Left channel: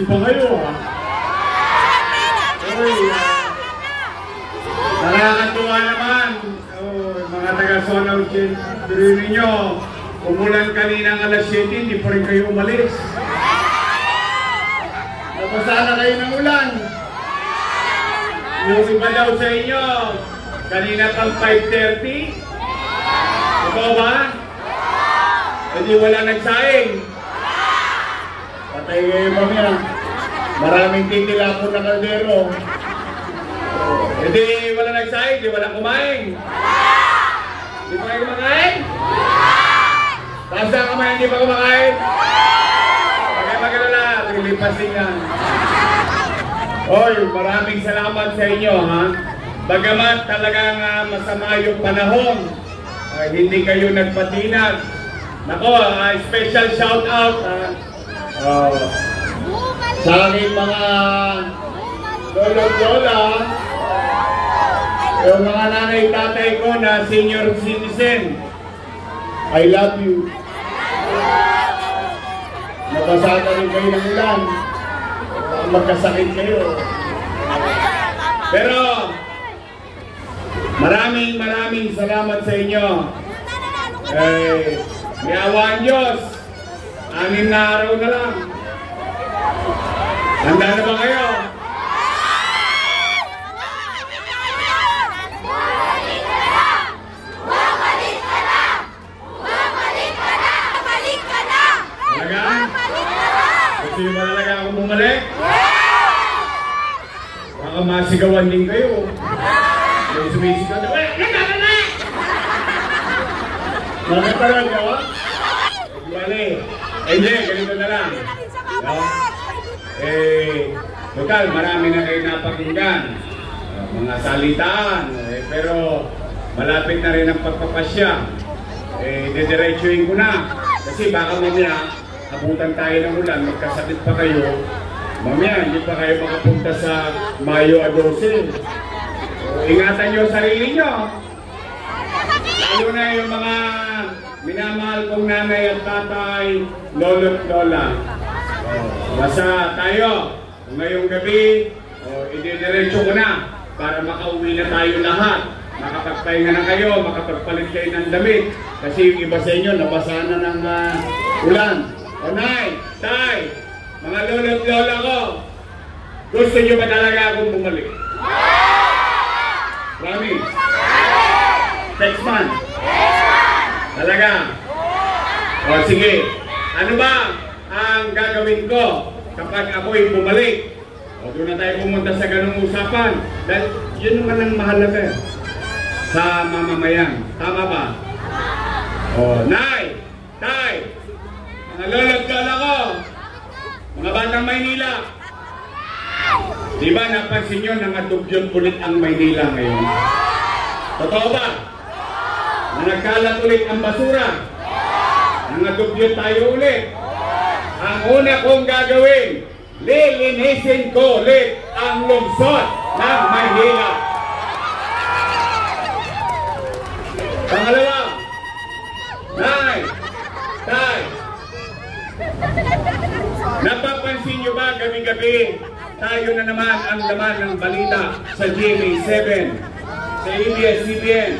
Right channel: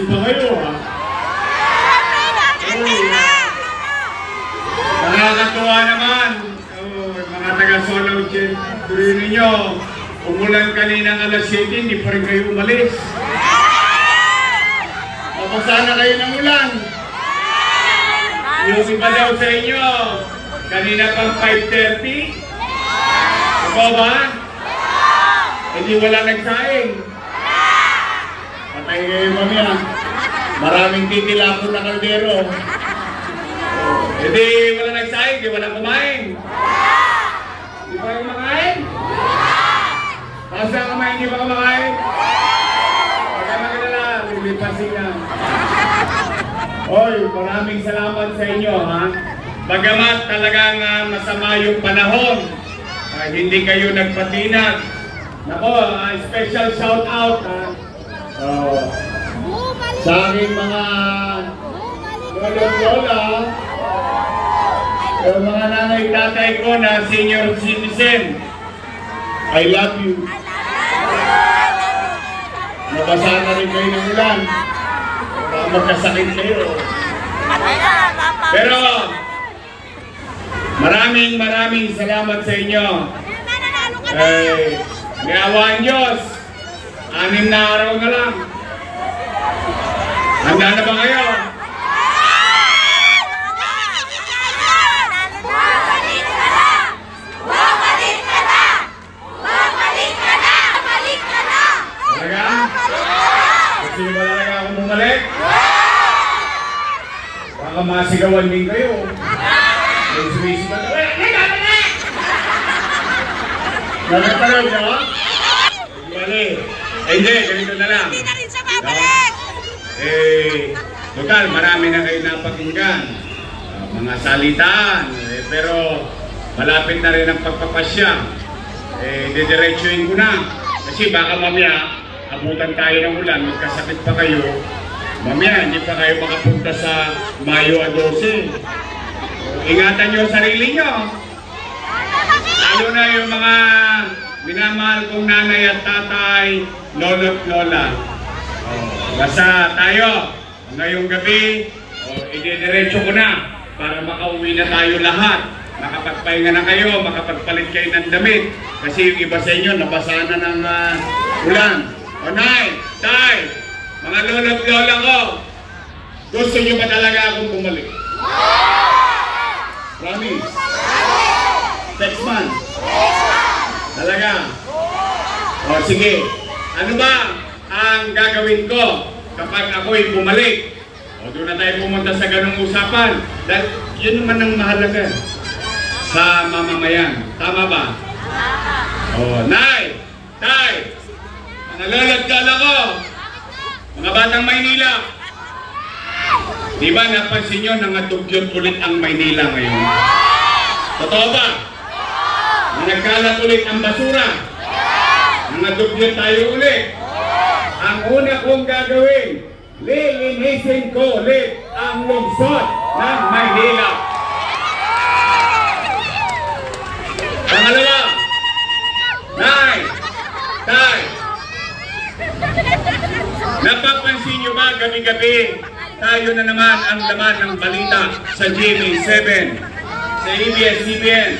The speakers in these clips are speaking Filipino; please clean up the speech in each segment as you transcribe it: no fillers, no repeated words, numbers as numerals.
Busy pa kayo, ha? Nakakatuwa naman. Mga taga-Solo tuloy ninyo. Umulan kanina ng alas 7, hindi pa rin kayo umalis. Napasa na kayo ng ulan. Yung iba daw sa inyo, kanina pang 5:30. Ikaw ba? Hindi wala nagsaing. Patay kayo mamaya. Maraming titilapon na kaldero. Hindi wala nagsaing, hindi wala kumain. Hindi pa kayo kumakain? Basta kumain, hindi pa kumakain? Huwag kayo magalala, naglipasin yan. Oy, maraming salamat sa inyo, ha? Bagamat talagang masama yung panahon, hindi kayo nagpatinag. Nako, special shout out sa aming mga lolo-lola, yung mga nanay-tatay ko na senior citizen. I love you. Nabasa na rin kayo ng ulan. Magkasakit kayo. Pero maraming salamat sa inyo. May awaan Diyos. 6 na araw na lang. Handa na ba kayo? Talaga? Kasi ba talaga ako bumalik? Baka masigawan din kayo. May sumisigaw na, Bakit pa rin nyo? Bali. Hindi, ganito na lang. Hindi na rin siya babalik. Total, marami na kayo napakinggan. Mga salitaan. Pero malapit na rin ang pagpapasya. Didiretsuhin ko na. Kasi baka mamaya, abutan tayo ng ulan, magkasakit pa kayo. Mamaya, hindi pa kayo makapunta sa Mayo 12. Ingatan nyo sarili nyo. Lalo na yung mga minamahal kong nanay at tatay, lolo at lola. Basta tayo, ngayong gabi, ididiretso ko na para makauwi na tayo lahat. Makapagpahinga na kayo, makapagpalit kayo ng damit. Kasi yung iba sa inyo, nabasa na ng ulan. O nay, tay, mga lolo at lola ko, gusto nyo ba talaga akong bumalik? Promise? Next month? Talaga? O sige, ano ba ang gagawin ko kapag ako'y bumalik? O doon na tayo pumunta sa ganung usapan. Dahil yun naman ang mahalaga sa mamamayan. Tama ba? O, nay, tay, mga lolo't lola ko, mga batang Maynila, di ba napansin nyo nangadugyot ulit ang Maynila ngayon? Totoo ba? Na nagkalat ulit ang basura. Nangadugyot tayo ulit. Ang una kong gagawin, lilinisin ko ulit ang lungsod ng Maynila. Pangalawa, nay, tay, napapansin nyo ba gabi-gabi tayo na naman ang laman ng balita sa GMA 7, sa ABS-CBN,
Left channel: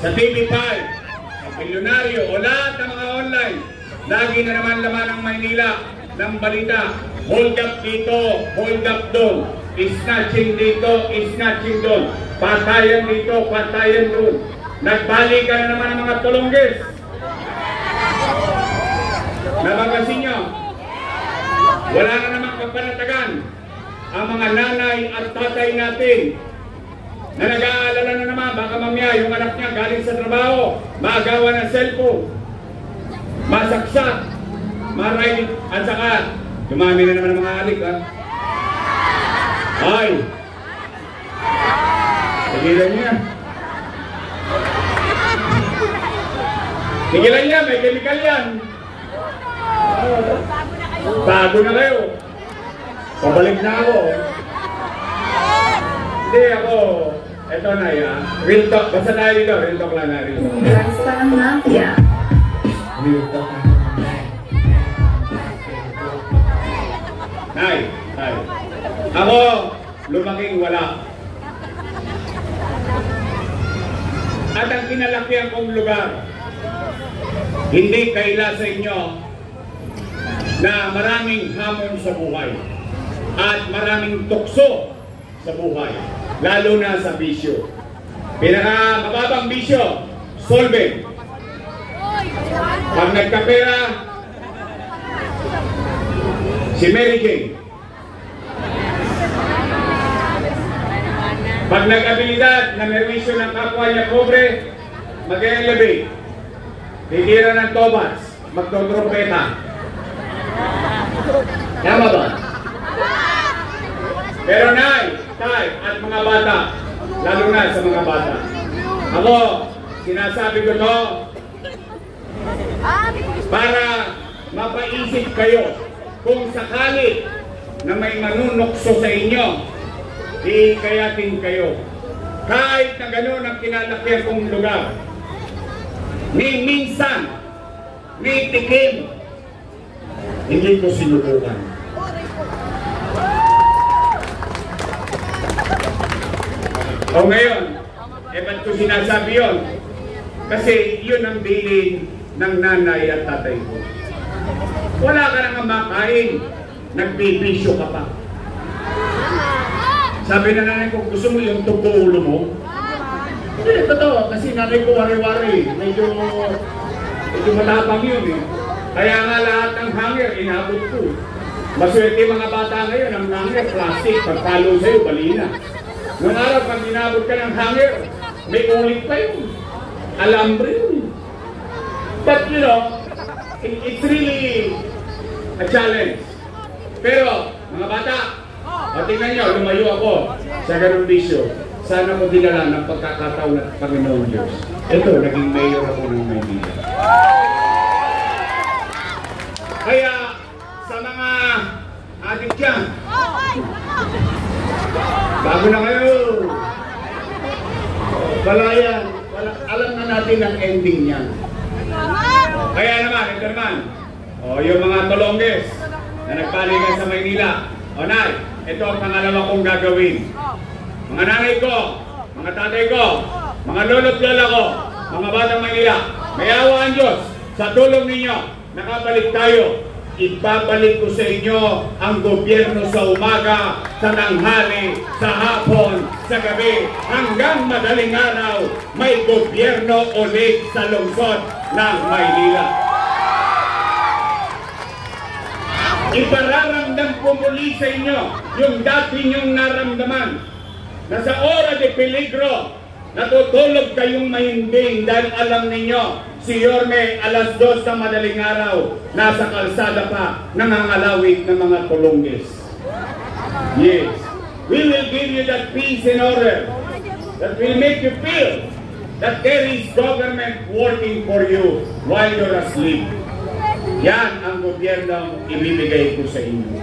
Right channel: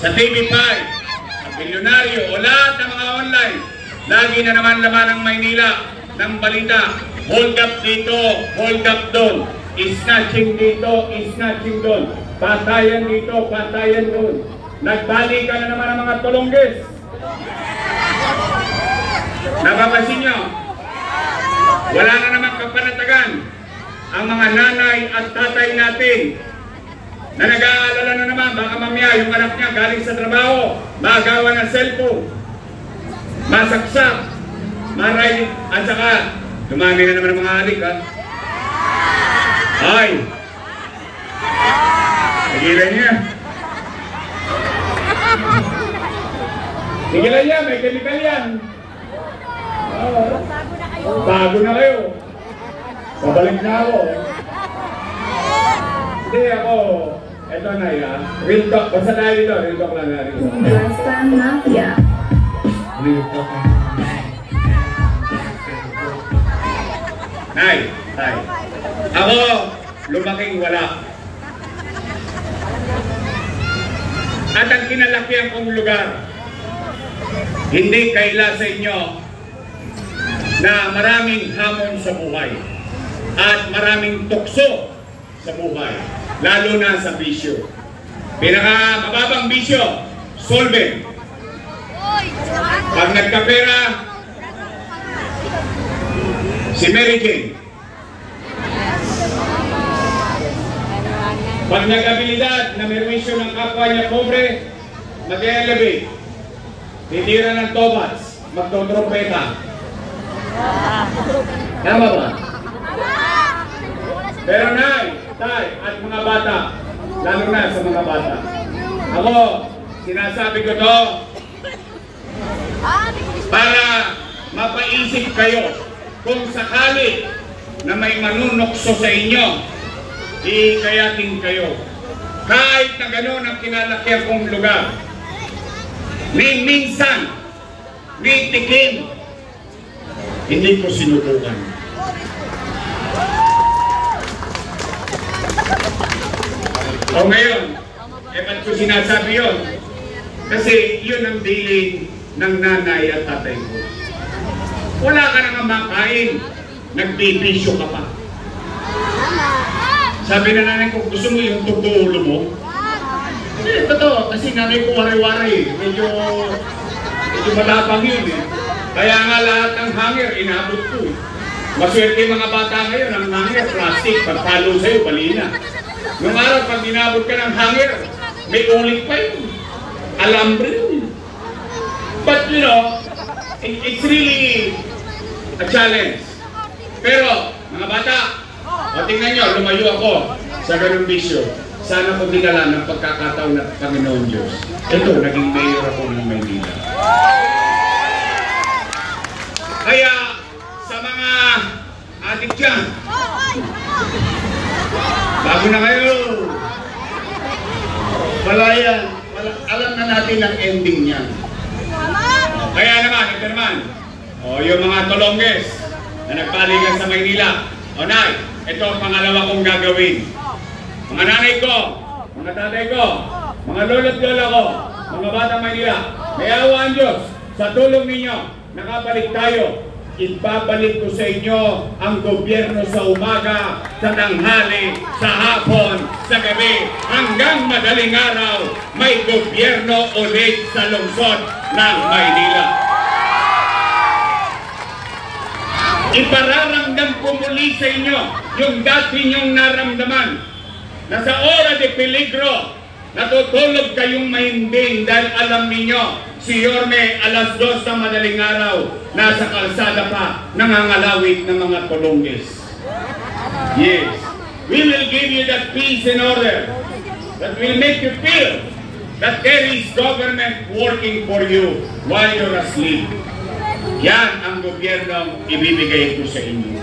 sa TV5, sa Bilyonaryo o lahat ng mga online. Lagi na naman laman ng Maynila ng balita. Hold up dito, hold up doon. Snatching dito, snatching doon. Patayan dito, patayan doon. Nagbalikan na naman ang mga tulongges. Napapansin nyo? Wala na naman kapanatagan ang mga nanay at tatay natin na nag-aalala na naman baka mamaya yung anak niya galing sa trabaho, magawa ng cellphone, masaksak, maray, at saka dumami na naman ang mga alik, ha? Ay! Tigilan niya. Tigilan niya, may chemical yan. Tago na kayo. Pabalik na ako. Hindi ako. Ito na yan. Real talk. Basta tayo dito. Real talk lang na. Real talk. Real talk. Nay. Ako, lumaking wala. At ang kinalakihan kong lugar, hindi kaila sa inyo na maraming hamon sa buhay at maraming tukso sa buhay, lalo na sa bisyo. Pinakamababang bisyo, solvent. Pag nagkapera, si Mary Jane. Pag nag-abilidad na merwisyo ng kapwa niya pobre, mag-elevate. Titira ng tobas, magtotropeta. Tama ba? Pero nay, tay, at mga bata, lalo na sa mga bata, ako, sinasabi ko to para mapaisip kayo kung sakali na may manunokso sa inyo, ikayatin kayo. Kahit na gano'n ang kinalakihan kong lugar, ni minsan, ni tikim, hindi ko sinubukan. O ngayon, ba't ko sinasabi yun? Kasi yun ang bilin ng nanay at tatay ko. Wala ka nang makain, nagbibisyo ka pa. Sabi na nanay ko, gusto mo yung tubo ulo mo? Hindi, totoo, kasi nanay ko wari-wari, medyo matapang yun eh. Kaya nga lahat ng hanger, inabot ko eh. Maswerte mga bata ngayon, ang hanger, plastic, pagpalo sa'yo, balina. Noong araw, pag inabot ka ng hanger, may ulit pa yun. Alambre yun. But you know, it's really a challenge. Pero, mga bata, o tingnan nyo, lumayo ako sa ganung bisyo. Sana ko dinala ng pagkakataon ng Panginoon Diyos. Ito, naging mayor ako ng Maynila. Kaya, sa mga adik dyan, bago na kayo, wala yan. Alam na natin ang ending niyan. Kaya naman, ito naman, yung mga tolongges na nagpaligan sa Maynila. O nay, ito ang pangalawa kong gagawin. Mga nanay ko, mga tatay ko, mga lolo't lola ko, mga batang Maynila, may awa ang Diyos. Sa tulong ninyo, nakabalik tayo. Ibabalik ko sa inyo ang gobyerno sa umaga, sa tanghali, sa hapon, sa gabi, hanggang madaling araw, may gobyerno ulit sa lungsod ng Maynila. Ipararamdam ko muli sa inyo yung dati nyong naramdaman na sa ora de peligro, natutulog kayong mahimbing dahil alam ninyo, si Yorme alas 2 na madaling araw, nasa kalsada pa, nangangalawit ng mga tolongges. Yes, we will give you that peace and order that will make you feel that there is government working for you while you're asleep. Yan ang gobyernong ibibigay ko sa inyo.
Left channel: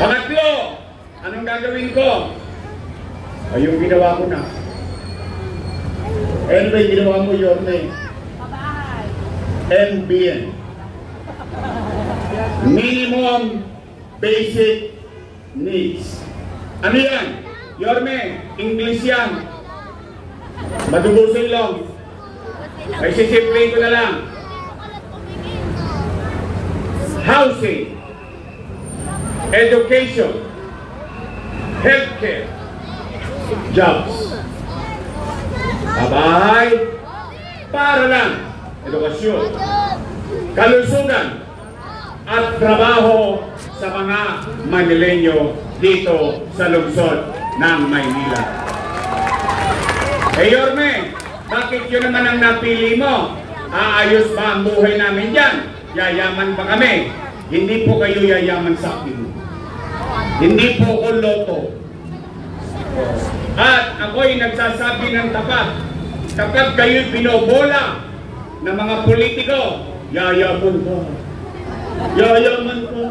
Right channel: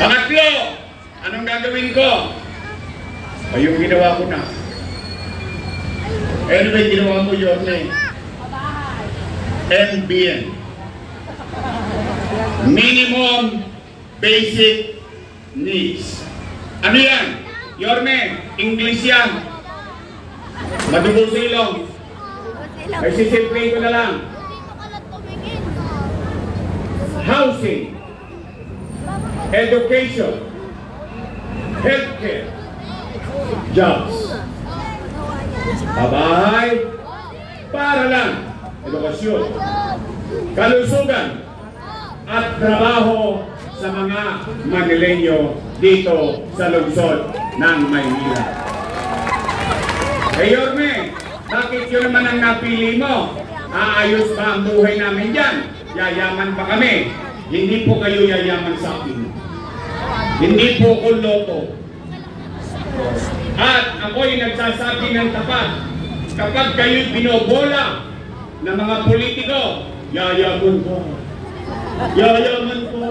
Pangatlo, anong gagawin ko? Ay, yung ginawa ko na. Ano ba yung ginawa mo, Yorme? MBN. Minimum Basic Needs. Ano yan? Yorme, English yan. Madugo sa ilong. Ay sisimpleng ko na lang. Housing, education, healthcare, jobs. Babahay, paaralan, edukasyon, kalusugan, at trabaho sa mga Manileño dito sa lungsod ng Maynila. Eh Yorme, bakit yun naman ang napili mo? Aayos ba ang buhay namin dyan? Yayaman pa kami. Hindi po kayo yayaman sa akin. Hindi po ko loto. At ako'y nagsasabi ng tapat. Kapag kayo'y binobola ng mga politiko, yayaman ko. Yayaman ko.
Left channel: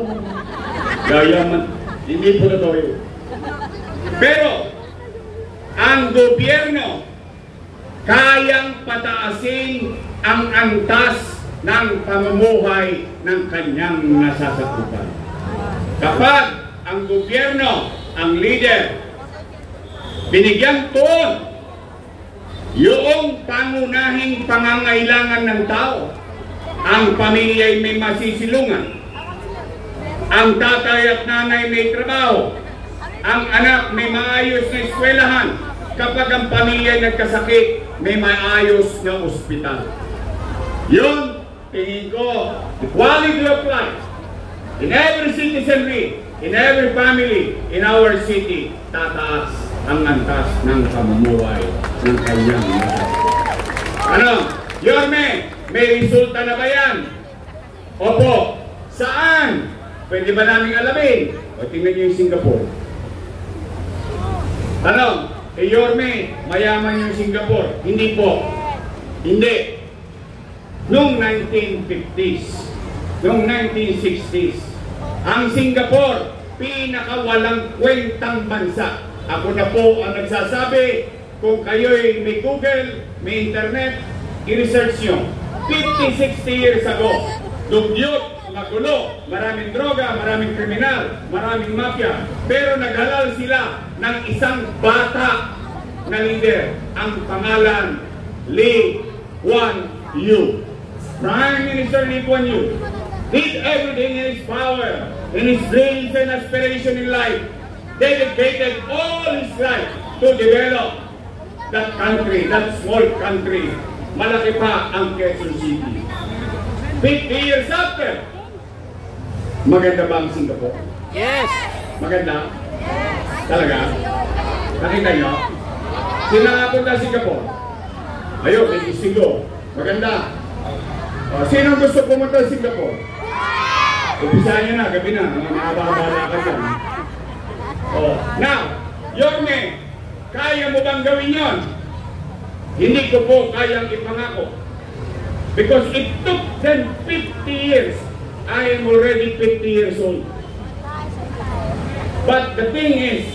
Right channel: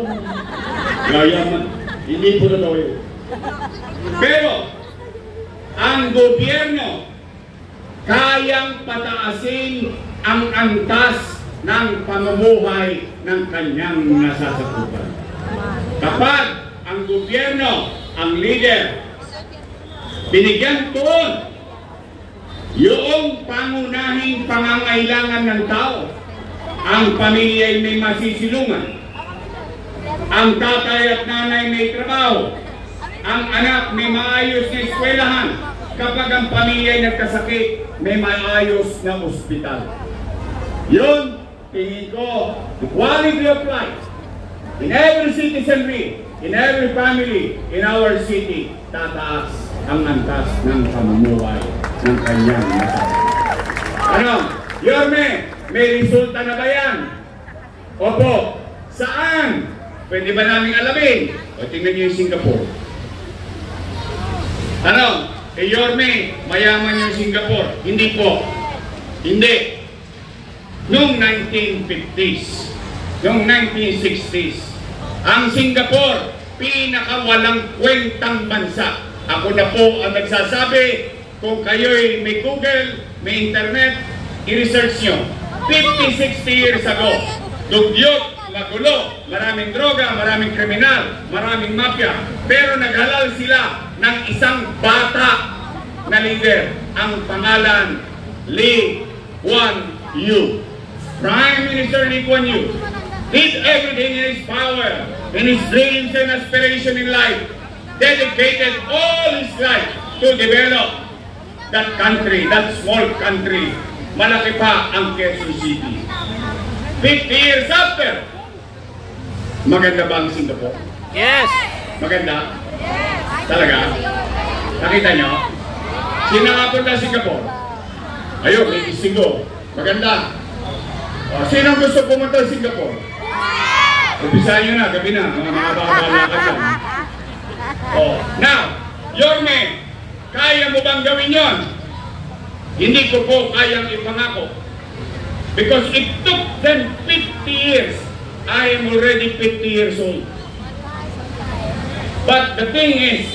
Yayaman. Hindi po totoo yun. Pero, ang gobyerno kayang pataasin ang antas ng pamumuhay ng kanyang nasasakupan. Kapag ang gobyerno, ang leader, binigyan tuon yung pangunahing pangangailangan ng tao, ang pamilya ay may masisilungan, ang tatay at nanay may trabaho, ang anak may maayos na eskwelahan, kapag ang pamilya ay nagkasakit, may maayos na ospital. Yun, tingin ko, the quality of life in every citizenry, in every family, in our city, tataas ang antas ng pamumuhay ng kanyang mga. Ano? Yorme, may resulta na ba yan? Opo. Saan? Pwede ba namin alamin? O tingnan niyo yung Singapore. Ano? Yorme, mayaman yung Singapore. Hindi po. Hindi. Noong 1950s, noong 1960s, ang Singapore, pinakawalang kwentang bansa. Ako na po ang nagsasabi, kung kayo'y may Google, may internet, i-research nyo. 50-60 years ago, dugyot, magulo, maraming droga, maraming kriminal, maraming mafia. Pero naghalal sila ng isang bata na leader. Ang pangalan, Lee Kuan Yew. Prime Minister Lee Kuan Yew did everything in his power, in his dreams and aspiration in life, dedicated all his life to develop that country, that small country. Malaki pa ang Quezon City. 50 years after, maganda ba ang Singapore? Yes! Maganda? Talaga? Nakita nyo? Sino nga punta sa Singapore? Ayun, may Istigo. Maganda. O, sino gusto pumunta sa Singapore? Umpisahan nyo na, gabi na, mga mahaba-haba ka dyan. Oh, now, Yorme, kaya mo bang gawin yon? Hindi ko po kayang ipangako. Because it took them 50 years. I am already 50 years old. But the thing is,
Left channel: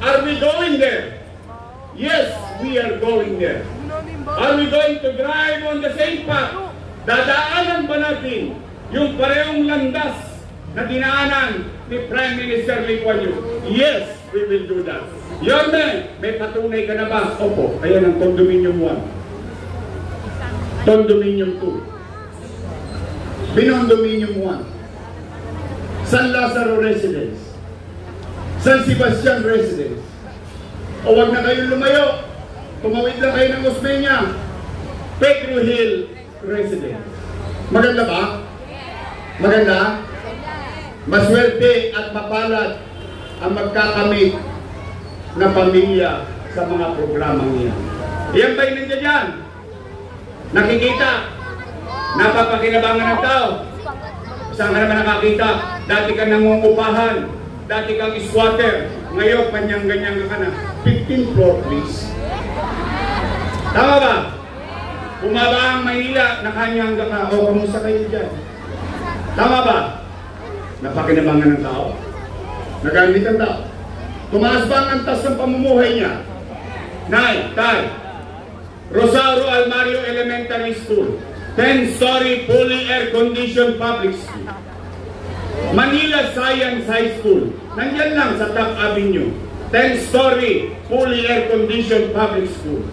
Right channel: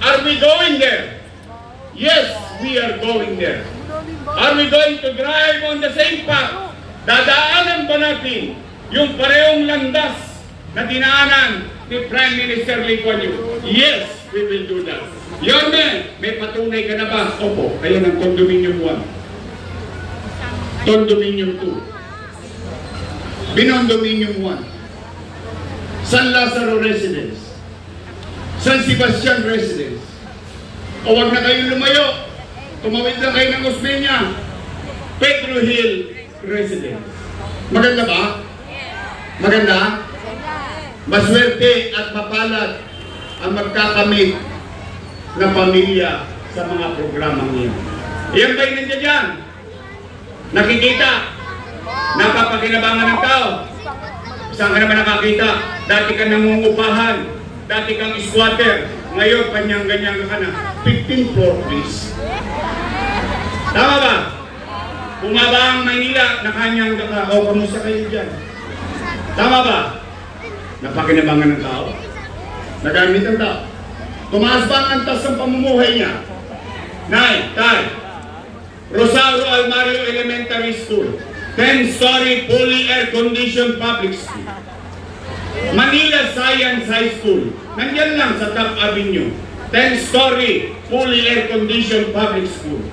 are we going there? Yes, we are going there. Are we going to drive on the same path? Dadaanan ba natin yung parehong landas na dinaanan ni Prime Minister Lee Kuan Yew? Yes, we will do that. Yorme, may patunay ka na ba? Opo, ayan ang Condominium 1. Condominium 2. Binondominium 1. San Lazaro Residence. San Sebastian Residence. O wag na kayong lumayo. Tumawid na kayo ng Osmeña. Pedro Hill Residence. Maganda ba? Maganda? Maswerte at mapalad ang magkakamit na pamilya sa mga programang iyon. Iyan ba'y nandiyan dyan? Nakikita? Napapakinabangan ng tao? Saan ka naman nakakita? Dati ka nangungupahan, dati kang squatter, ngayon kanyang-ganyan ka na. 15th floor please. Tama ba? Bumaba ang Maynila na kanyang ka. O, kamusta kayo dyan? Tama ba? Napakinabangan ng tao? Nagamit ang tao? Tumaas ba ang antas ng pamumuhay niya? Nay, tay, Rosario Almario Elementary School, 10-story fully air-conditioned public school. Manila Science High School, nandiyan lang sa Top Avenue, 10-story fully air-conditioned public school.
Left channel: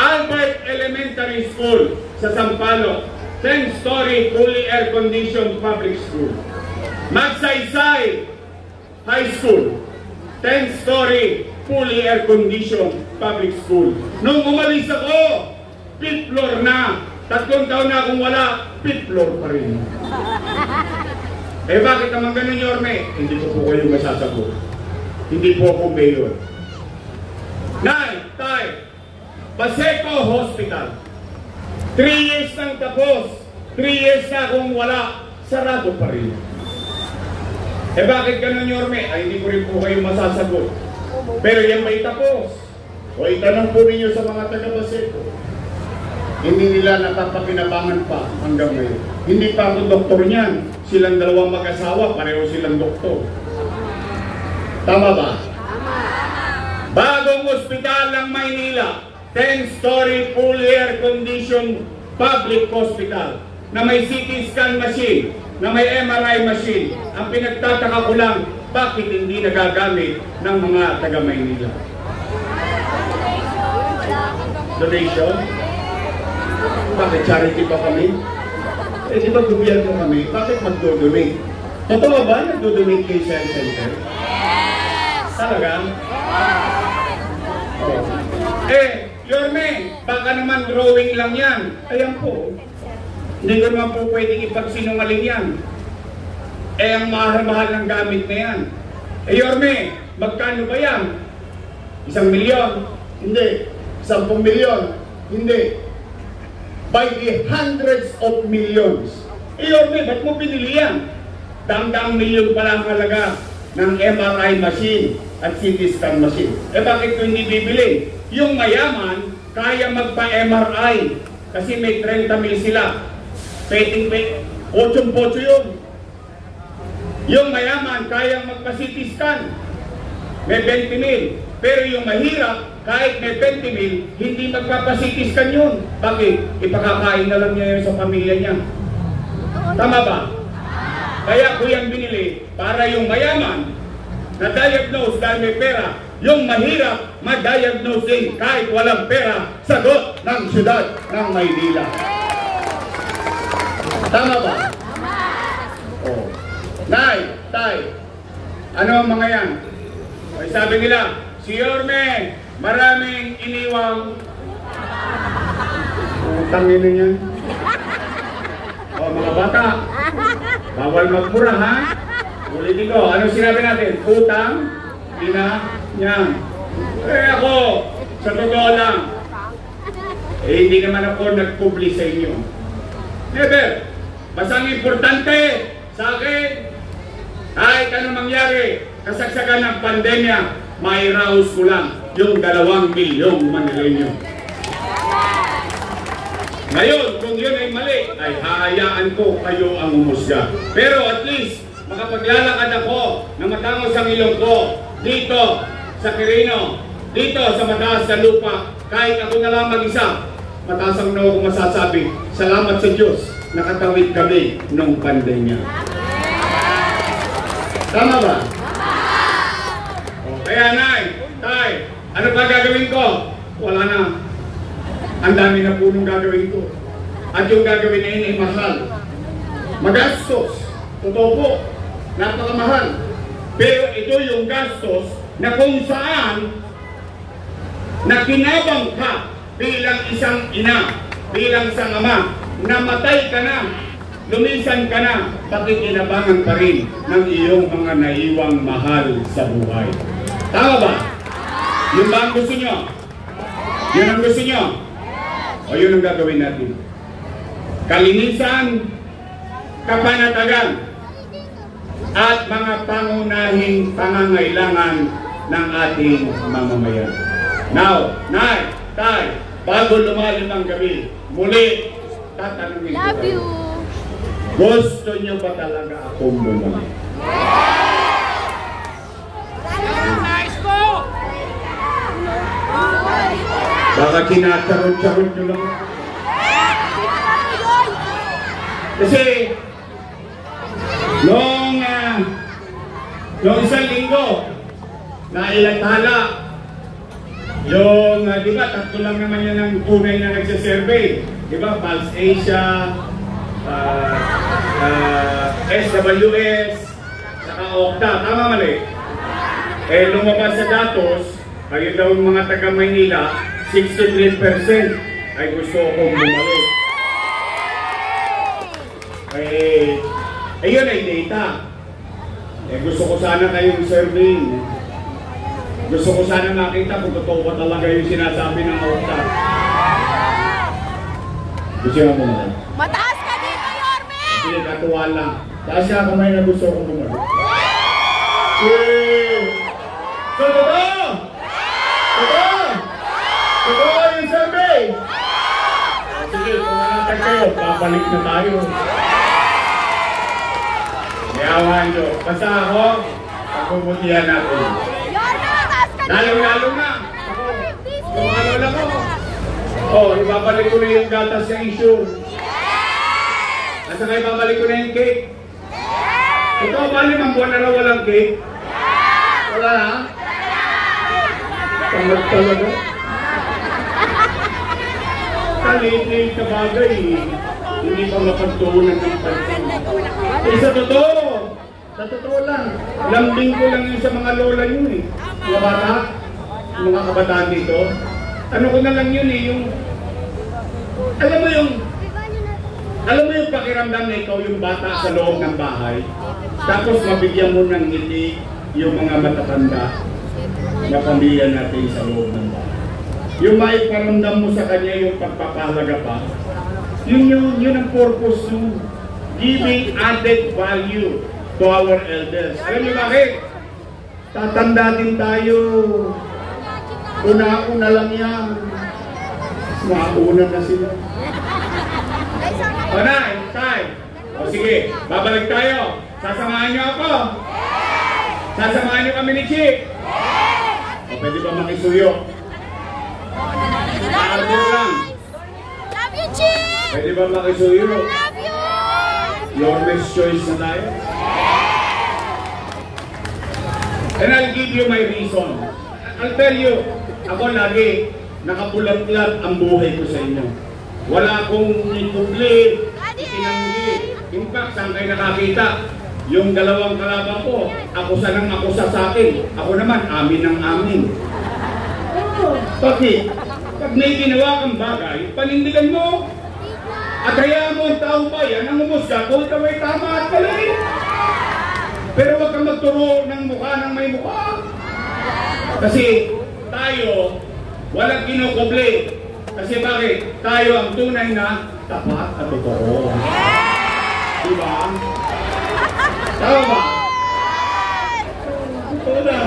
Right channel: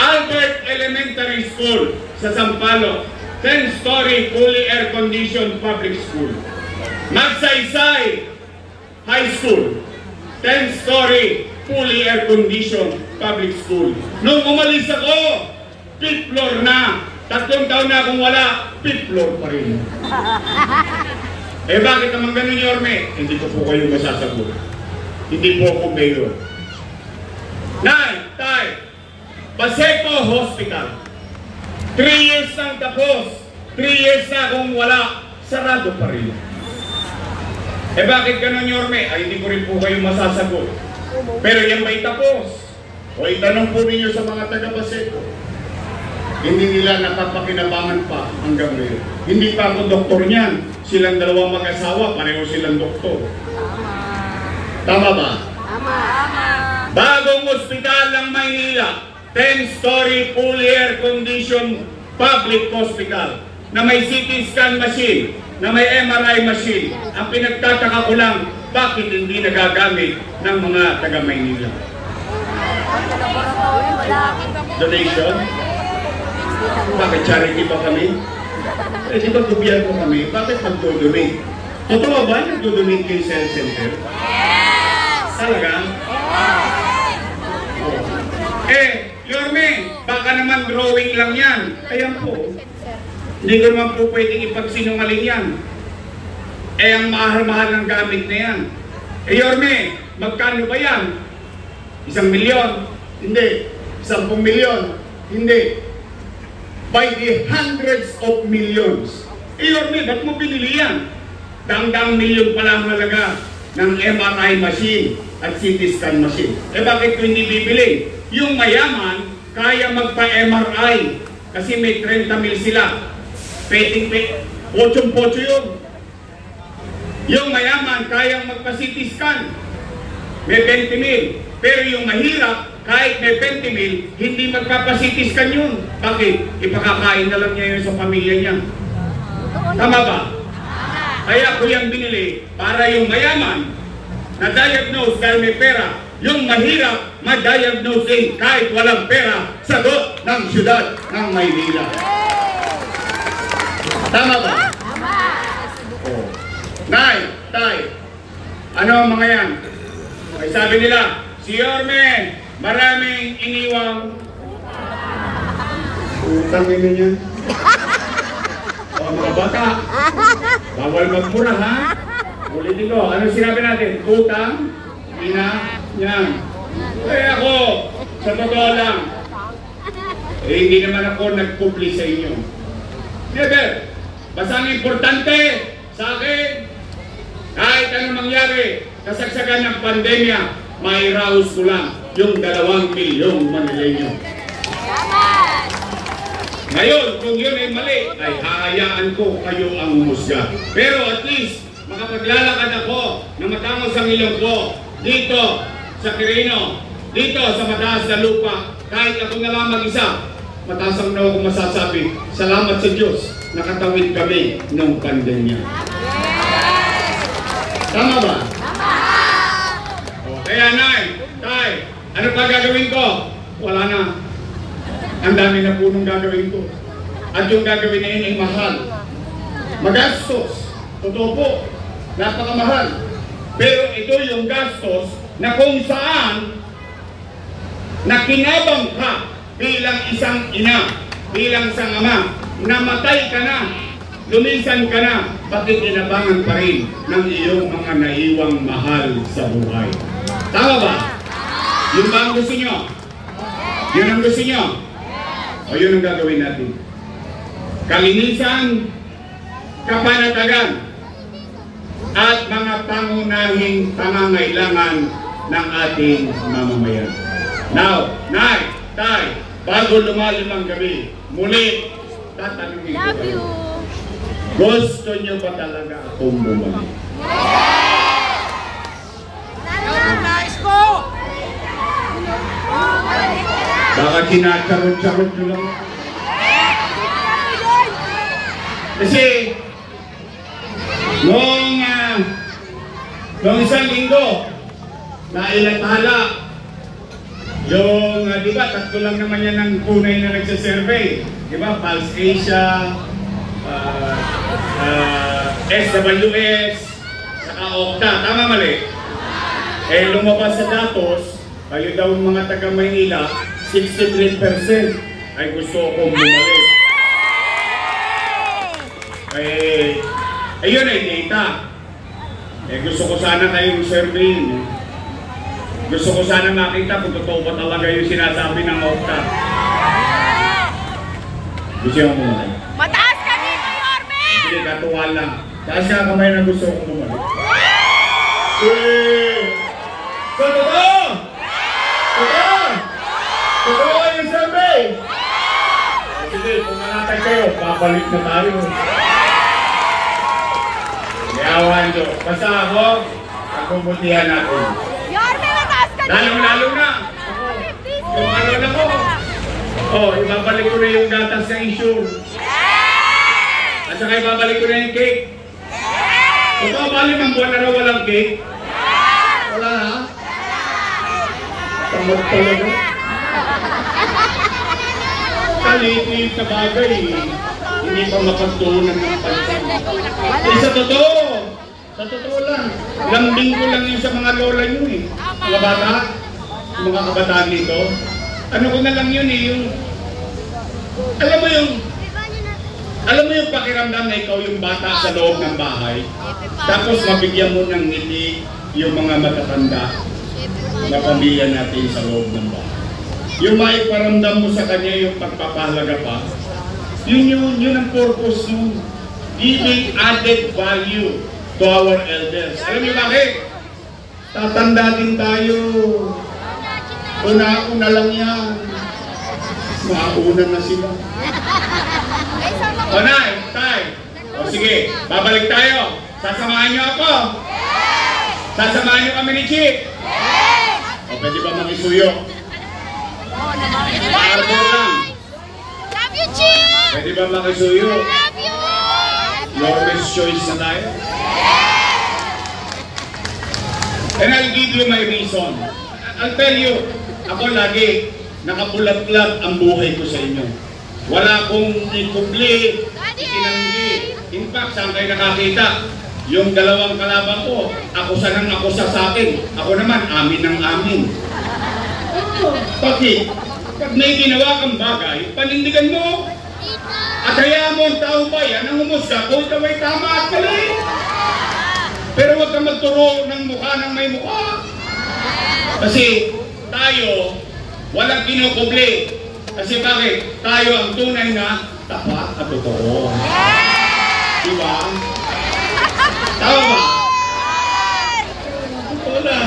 Albert Elementary School sa Sampaloc, 10-story fully air-conditioned public school. Magsaysay High School, 10-story fully air-conditioned public school. Nung umalis ako, 5th floor na. 3 taon na akong wala, 5th floor pa rin. Eh bakit naman ganun, Yorme? Hindi ko po kayo masasagot. Hindi po ako mayor. Nay, tay, Paseco Hospital. 3 years nang tapos. 3 years na akong wala, sarado pa rin. Eh bakit ganun, Yorme? Ay hindi ko rin po kayo masasagot. Pero yan ba'y tapos? O itanong po ninyo sa mga taga-Paseco. Hindi nila napapakinabangan pa hanggang ngayon. Hindi pa ako doktor niyan. Silang dalawang mag-asawa, pareho silang doktor. Tama ba? Bagong ospital ng Maynila, 10-story fully air-conditioned public hospital na may CT scan machine, na may MRI machine. Ang pinagtataka ko lang, bakit hindi nagagamit ng mga taga-Maynila? Donation? Bakit charity ba kami? Eh, di ba gobyerno kami? Bakit nagdo-donate? Totoo ba nagdo-donate kayo sa health center? Talaga? Oh. Eh, Yorme, baka naman drawing lang yan. Ayan po. Hindi ko naman po pwedeng ipagsinungaling yan. Eh, ang mahal-mahal ng gamit na yan. Eh, Yorme, magkano ba yan? 1 milyon? Hindi. 10 milyon? Hindi. By the hundreds of millions. Eh, Yorme, ba't mo pinili yan? Dang-dang milyon pala ang halaga ng MRI machine at CT scan machine. Eh, bakit ko hindi bibili? Yung mayaman, kaya magpa-MRI kasi may 30 mil sila. Pochong-pocho yun. Yung mayaman, kayang magpa-CT scan. May 20 mil. Pero yung mahirap, kahit may 20 mil, hindi magpapa-CT scan yun. Bakit? Ipakakain na lang niya yun sa pamilya niya. Tama ba? Kaya ko yan binili para yung mayaman na-diagnose dahil may pera, yung mahirap ma-diagnose din kahit walang pera, sagot ng syudad ng Maynila. Tama ba? Oh. Nay, tay, ano ang mga yan? Ay, sabi nila, si Yorme, maraming iniwang utang nila niya. O, mga bata, bawal magmura, ha? Ulitin ko, ano sinabi natin? Utang, ina, niya. Eh ako, sa totoo lang, eh hindi naman ako nag-publish sa inyo. Never. Basta ang importante sa akin, kahit anong mangyari, kasagsagan ng pandemya, may raos ko lang yung 2 milyong Manileño. Ngayon, kung yun ay mali, ay hahayaan ko kayo ang umusga. Pero at least, makapaglalakad ako na matangos ang ilong ko dito sa Quirino, dito sa mataas na lupa, kahit ako na lang mag-isa, mataas ang ako masasabi, salamat sa Diyos, nakatawid kami nung pandemya. Tama ba? O, kaya nay, tay, ano pa gagawin ko? Wala na. Ang dami na po nung gagawin ko. At yung gagawin na yun ay mahal. Magastos. Totoo po. Napakamahal. Pero ito yung gastos na kung saan nakinabang ka bilang isang ina, bilang isang ama, namatay ka na, lumisan ka na, pakikinabangan pa rin ng iyong mga naiwang mahal sa buhay. Tama ba? Yun ba ang gusto nyo? Yun ang gusto nyo? O yun ang gagawin natin. Kalinisan, kapanatagan, at mga pangunahing pangangailangan ng ating mamamayan. Now, nay, tay, bago lumalim ang gabi, muli, tatanungin ko kayo. Gusto nyo ba talaga akong bumalik? Baka kinacharot-charot nyo lang. Kasi, noong isang linggo, nailathala, yung, di ba, tatlo lang naman yan ang tunay na nagsasurvey. Di ba, Pulse Asia, SWS, saka Okta. Tama mali? Eh, lumabas sa datos, kayo daw mga taga-Maynila, 63% ay gusto akong bumalik. Ayun ay data. Gusto ko sana kayong survey. Gusto ko sana makita kung totoo ba talaga yung sinasabi ng Okta. Gusto mo bumalik? Mataas ka dito, Yorme! Sige, katuwa lang. Taas ka kamay na gusto kong bumalik. So, totoo! Totoo! Totoo yung survey! Sige, kung manatag kayo, papalik na tayo. Yawan nyo. Basta ako, butihan ako. Yorme, mataas ka dito! Lalo na! Kung ano lang ako. Oh, ibabalik ko na yung gatas sa issue. At saka ibabalik ko na yung cake. Ito ba 5 buwan na raw walang cake? Wala ha? Tamad talaga. Kaliit sa bagay. Hindi pa mapagtuunan ng pansin. Eh sa totoo lang. Lambing ko lang yun sa mga lola yun eh. Mga bata, mga kabataan dito. Ano ko na lang yun eh, yung... Alam mo yung pakiramdam na ikaw yung bata sa loob ng bahay. Tapos mabigyan mo ng ngiti yung mga matatanda na pamilya natin sa loob ng bahay. Yung maiparamdam mo sa kanya yung pagpapahalaga pa. Yun ang purpose nun. Giving added value to our elders. Alam niyo bakit? Tatanda din tayo. Una-una lang yan. Mauna na sila. O Nay, Tay. O sige, babalik tayo. Sasamahan niyo ako. Sasamahan niyo kami ni Chief. O pwede ba makisuyo? Paarbo lang. Love you, Chief! Pwede ba makisuyo? Love you! Your best choice na tayo. And I'll give you my reason. I'll tell you, ako lagi nakapulat-lat ang buhay ko sa inyo. Wala akong ikubli, itinanggi. In fact, saan kayo nakakita? Yung dalawang kalaban ko, akusa ng akusa sa akin. Ako naman, amin ng amin. Bakit? Pag may ginawa kang bagay, panindigan mo. At hayaan mo ang taong bayan ang umusga kung ikaw ay tama at mali. Pero huwag kang magturo ng mukha ng may mukha. Kasi tayo, walang kinukubli. Kasi bakit? Tayo ang tunay na tapat at totoo. Diba? Tama ba? Totoo na.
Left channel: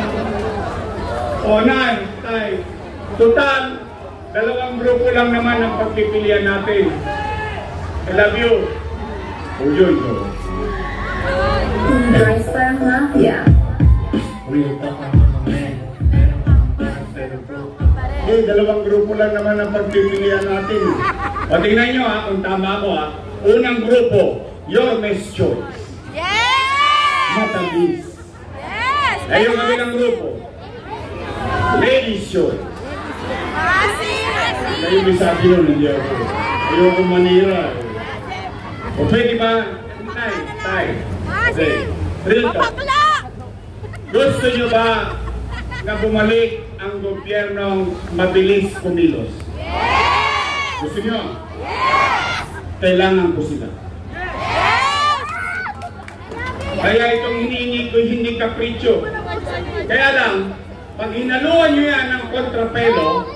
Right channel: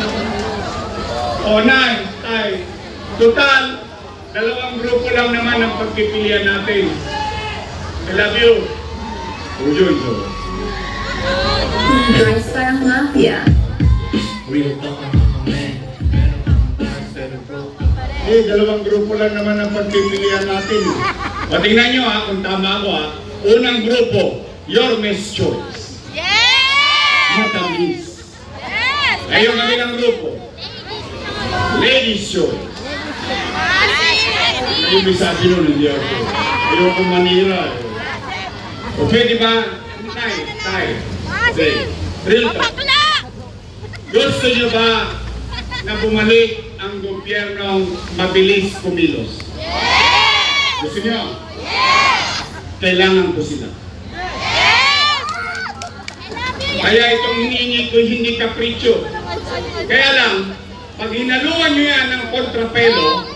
O Nay, Tay. Total, dalawang grupo lang naman ang pagpipilian natin. I love you. Enjoy ko. Dressar Mafia. Real talk ang mga men. Eh, dalawang grupo lang naman ang pagpipilian natin. O tingnan nyo ha, kung tama ako ha. Unang grupo, your Miss Choice. Yes! Matamis. Yes! Ay yung kabilang grupo, Ladies Choice. Kayo may sabi nun, hindi ako. Ayoko manira. O pwede ba? Tay. Okay. Real talk. Gusto nyo ba na bumalik ang gobyernong mabilis kumilos? Yes! Gusto nyo? Yes! Kailangan ko sila. Yes! Kaya itong hinihingi ko hindi kapritsyo. Kaya lang, pag hinaluan nyo yan ng kontrapelo,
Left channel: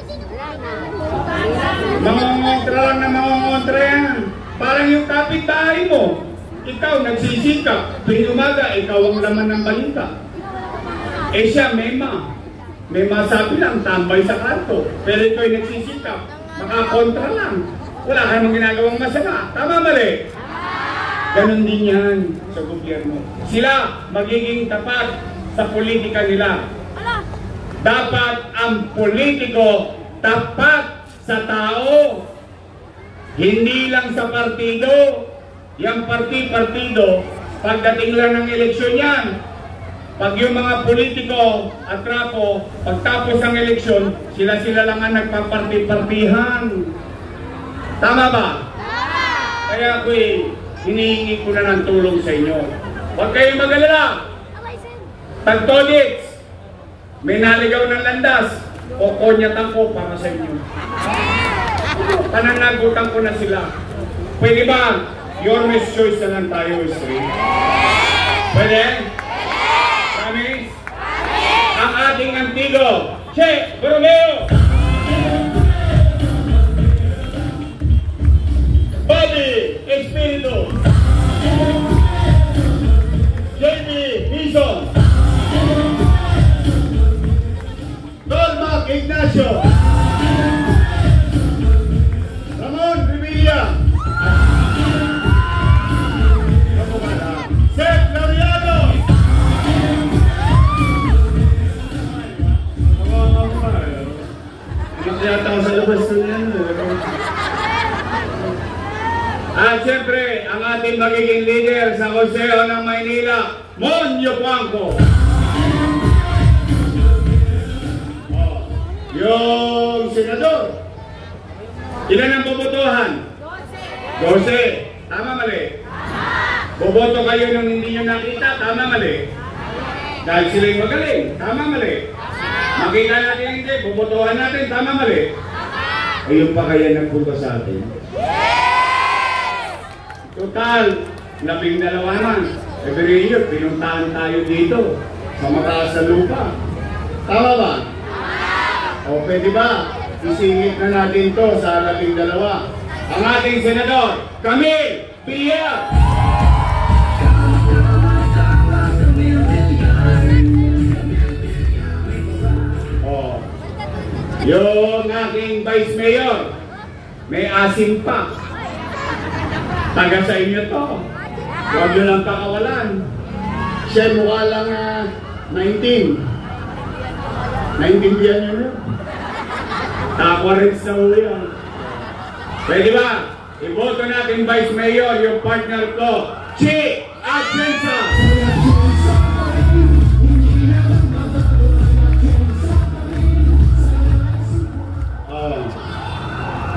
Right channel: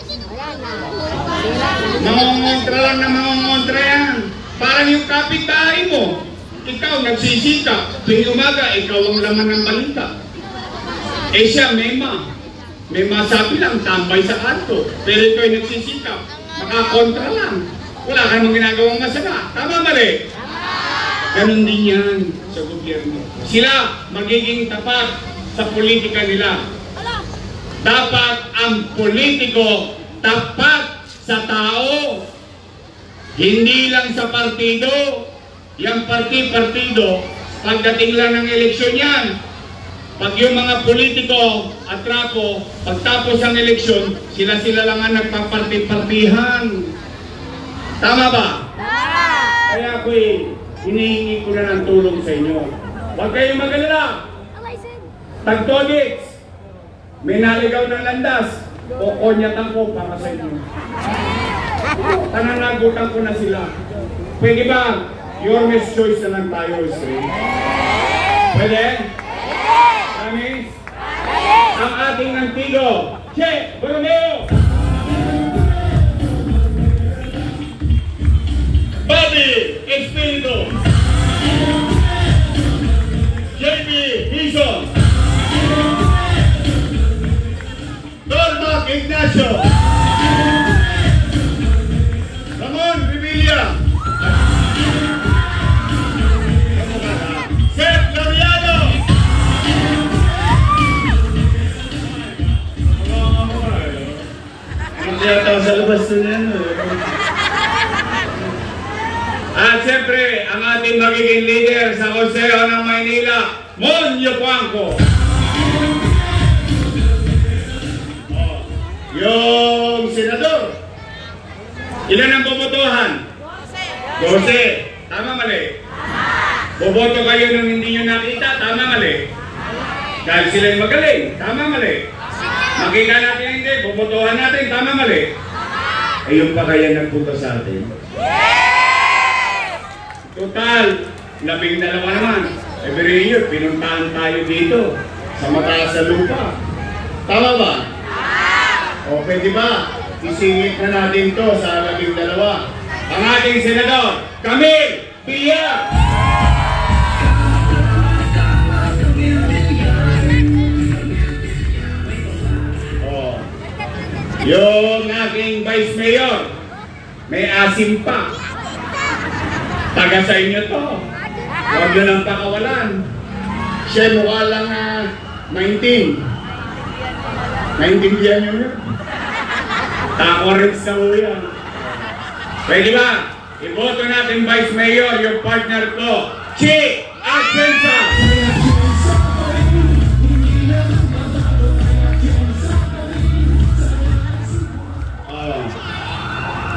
mangongontra lang na mangongontra yan. Parang yung kapitbahay mo. Ikaw nagsisikap. Tuwing umaga, ikaw ang laman ng balita. Eh siya, may masabi lang, tambay sa kanto. Pero ikaw ay nagsisikap. Makakontra lang. Wala ka namang ginagawang masama. Tama mali? Ganon din yan sa gobyerno. Sila magiging tapat sa politika nila. Dapat ang politiko tapat sa tao. Hindi lang sa partido. Yang partido, pagdating lang ng eleksyon yan. Pag yung mga politiko at trapo, pagtapos ng eleksyon, sila lang ang nagpaparti-partihan. Tama ba? Kaya ako'y hinihingi ko na ng tulong sa inyo. Huwag kayong mag-alala. Tagtodits, may naligaw ng landas, kokonyatan ko para sa inyo. Pananagutan ko na sila. Pwede ba? Your Miss Choice na lang tayo, Israel. Pwede? Promise? Ang ating antigo, Che Borromeo! Bobby Espiritu! JP Hison! Dormac Ignacio! Ramon Bibilla! Seth Laviano! Hindi yata sa labas na yan. At siyempre, ang ating magiging leader sa Konseo ng Maynila, Monyo Blanco. Oh. Yung senador. Ilan ang bobotohan? 12. Tama mali? Boboto kayo nang hindi nyo nakita? Tama mali? Dahil sila'y magaling? Tama mali? Makita natin hindi? Bobotohan natin? Tama mali? Ayun pa kaya nagpunta sa atin? Total, 12 naman. Every year, pinuntahan tayo dito sa mataas sa lupa. Tama ba? O pwede ba? Isingit na natin to sa 12. Ang ating senador, Camille Villar! O, yung aking vice mayor, may asim pa. Taga sa inyo to. Huwag nyo lang pakawalan. Siya mukha lang 19. Naintindihan nyo na? Tako rin sa uyan. Pwede ba? Iboto natin Vice Mayor, yung partner ko, Chi Atienza!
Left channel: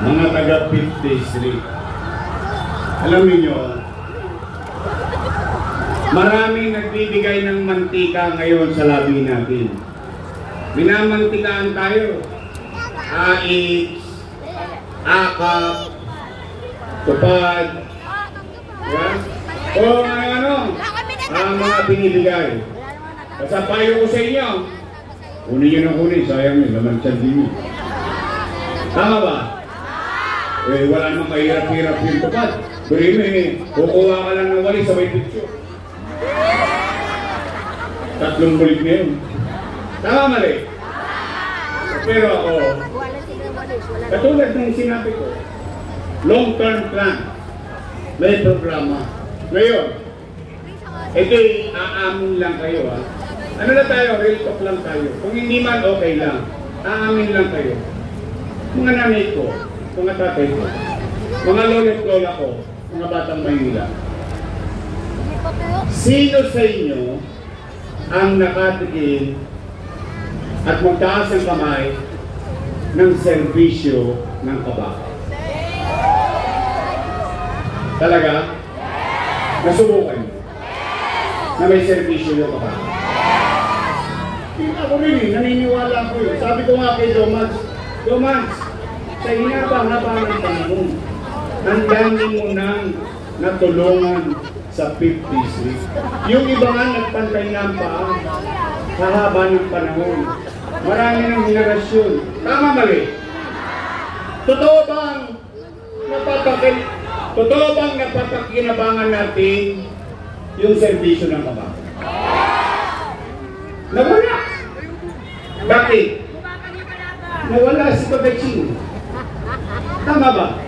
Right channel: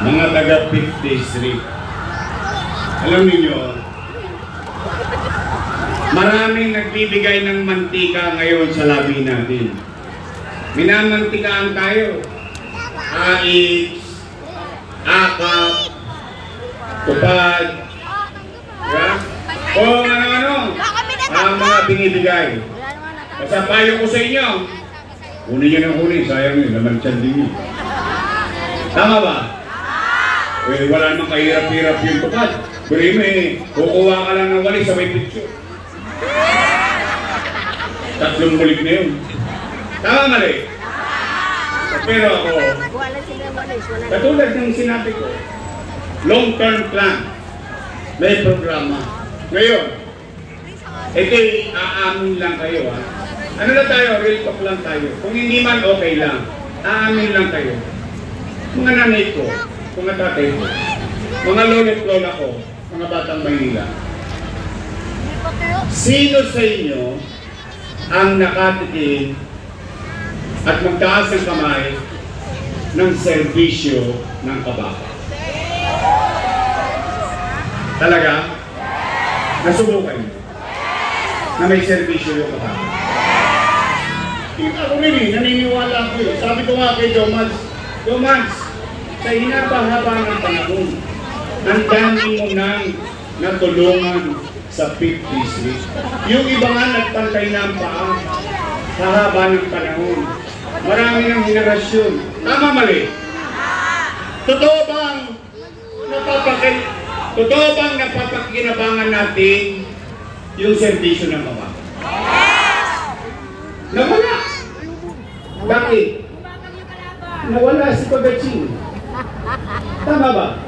Mga taga 5th District. Alam niyo, maraming nagbibigay ng mantika ngayon sa labi natin. Minamantikaan tayo. Ais, akap, tupad, yeah? O ano-ano, ang mga binibigay. Basta payo ko sa inyo, kunin nyo ng kunin, sayang yun, naman tiyan din yun. Tama ba? Eh, wala namang kahirap-hirap yung tupad. Kuri kukuha ka lang ng wali sa may picture. 3 bulig na yun. Tama mali? Pero ako, katulad ng sinabi ko, long-term plan, may programa. Ngayon, ito'y aamin lang kayo ha. Ano lang tayo, real talk lang tayo. Kung hindi man okay lang, aamin lang kayo. Mga nanay ko, mga tatay ko, mga lolo't lola ko, mga batang Maynila. Sino sa inyo ang nakatikim at magtaas ng kamay ng serbisyo ng kabaka? Talaga? Nasubukan niyo na may serbisyo yung kabaka? Ako rin naniniwala ko eh. Sabi ko nga kay Domans, sa hinaba-haba ng panahon, ang dami mo nang natulungan sa 5th District. Yung iba nga nagpantay na ang paa, hahaba ng panahon. Marami ng henerasyon. Tama mali? Totoo bang napapakinabangan natin yung serbisyo ng kabaka? Nawala. Bakit? Nawala si Pagaching. Tama ba?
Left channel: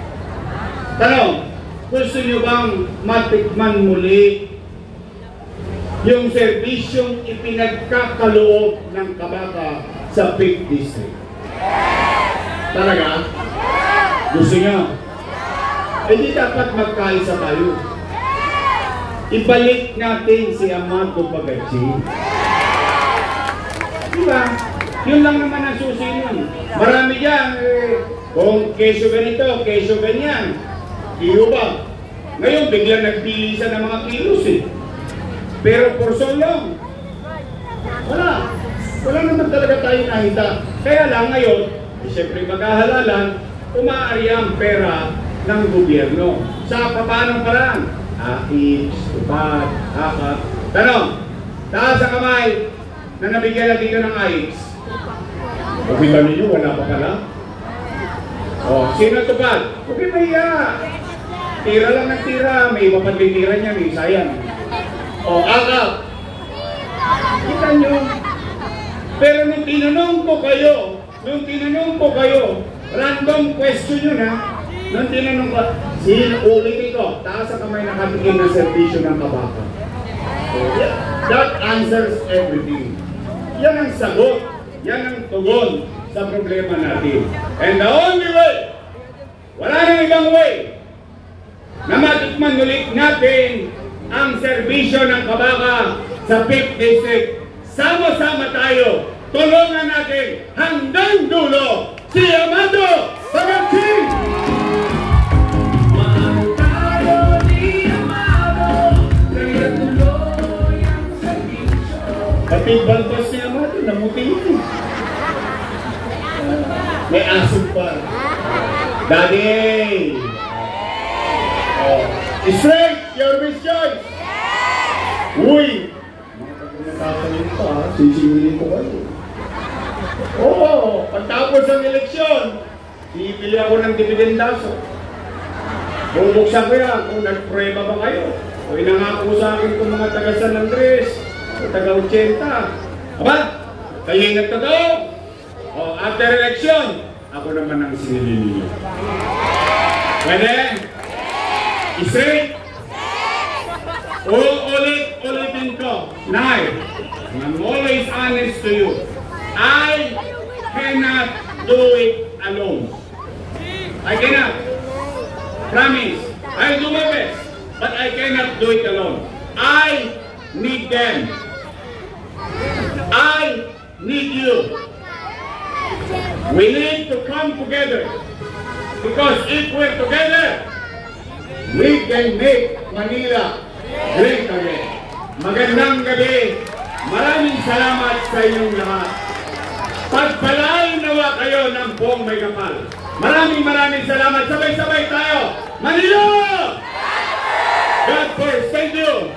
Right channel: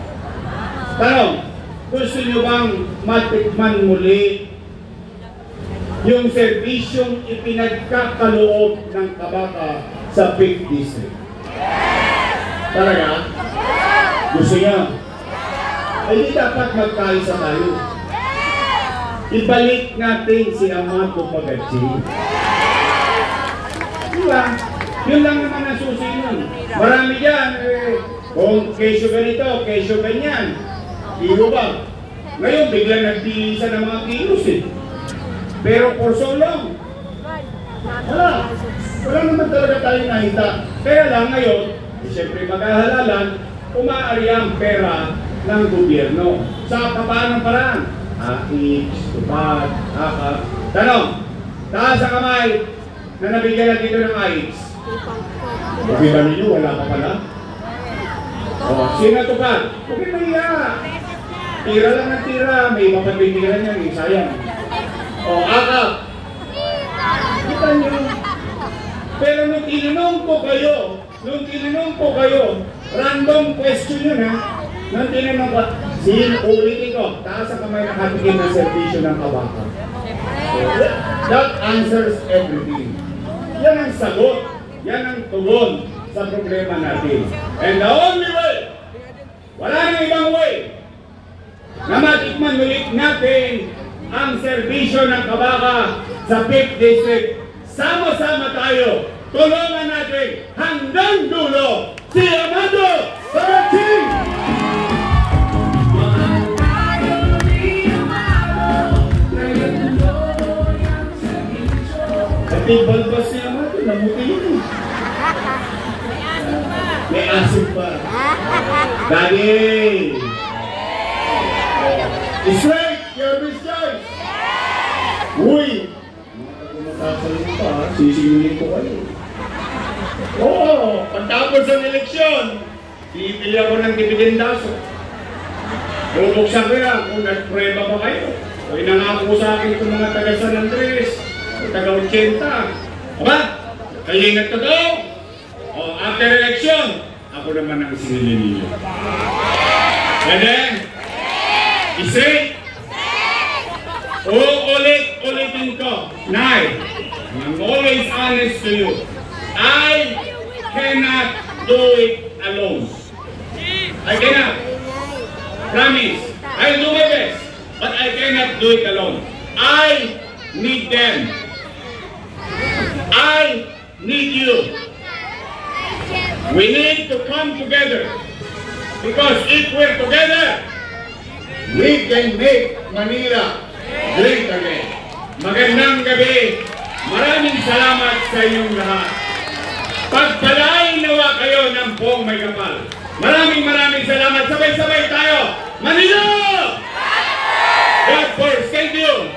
Tanong, gusto nyo bang matikman muli yung serbisyong ipinagkakaloob ng kabaka sa 5th District? Talaga? Gusto nyo? Ay di dapat magkaisa tayo. Ibalik natin si Amato Pagaching. Diba? Yun lang naman ang susi nun. Marami dyan, kung kesyo ganito, kesyo ganyan. Iyo ba? Ngayon, biglang nagpilisan ng mga kilos eh. Pero for so long, wala naman talaga tayo nakita. Kaya lang ngayon, siyempre maghahalalan, umaari ang pera ng gobyerno. Sa paanong paraan? Akit, tupad, akap. Tanong, taas ang kamay na nabigyan na dito ng AIDS. Pakita ninyo, wala pa pala. O, sino tupad? Okay, may tira lang ng tira, may iba pang tira niya, may sayang. O, akap. Kita nyo. Pero nung tinanong ko kayo, random question yun ha. Nung tinanong ko, ulitin ko, taas ang kamay nakatikim ng servisyo ng kabaka. So, that answers everything. Yan ang sagot, yan ang tugon sa problema natin. And the only way, wala nang ibang way, na matikman ulit natin ang serbisyo ng kabaka sa 5th District. Sama-sama tayo. Tulungan natin hanggang dulo si Amado Pagatsing! Pati balbas niya Amado, namuti mo. May asin pa. Daddy! Straight, your best choice! Uy! Nakakalit pa, sisingilin ko kayo. Oo, pagtapos ng eleksyon, pipili ako ng dividendaso. Bubuksan ko yan kung nagprueba ba kayo. O inangako sa akin kung mga taga San Andres o taga 80. Aba, kayo yung nagtotoo. O after election, ako naman ang singilin ninyo. Pwede? Isay? Ulitin ko. Nay, I'm always honest to you. I cannot do it alone. I cannot. Promise. I'll do my best. But I cannot do it alone. I need them. I need you. We need to come together. Because if we're together, we can make Manila great again. Magandang gabi. Maraming salamat sa inyong lahat. Pagpalain nawa kayo ng buong may kapal. Maraming salamat. Sabay-sabay tayo. Manila! God first. Thank you.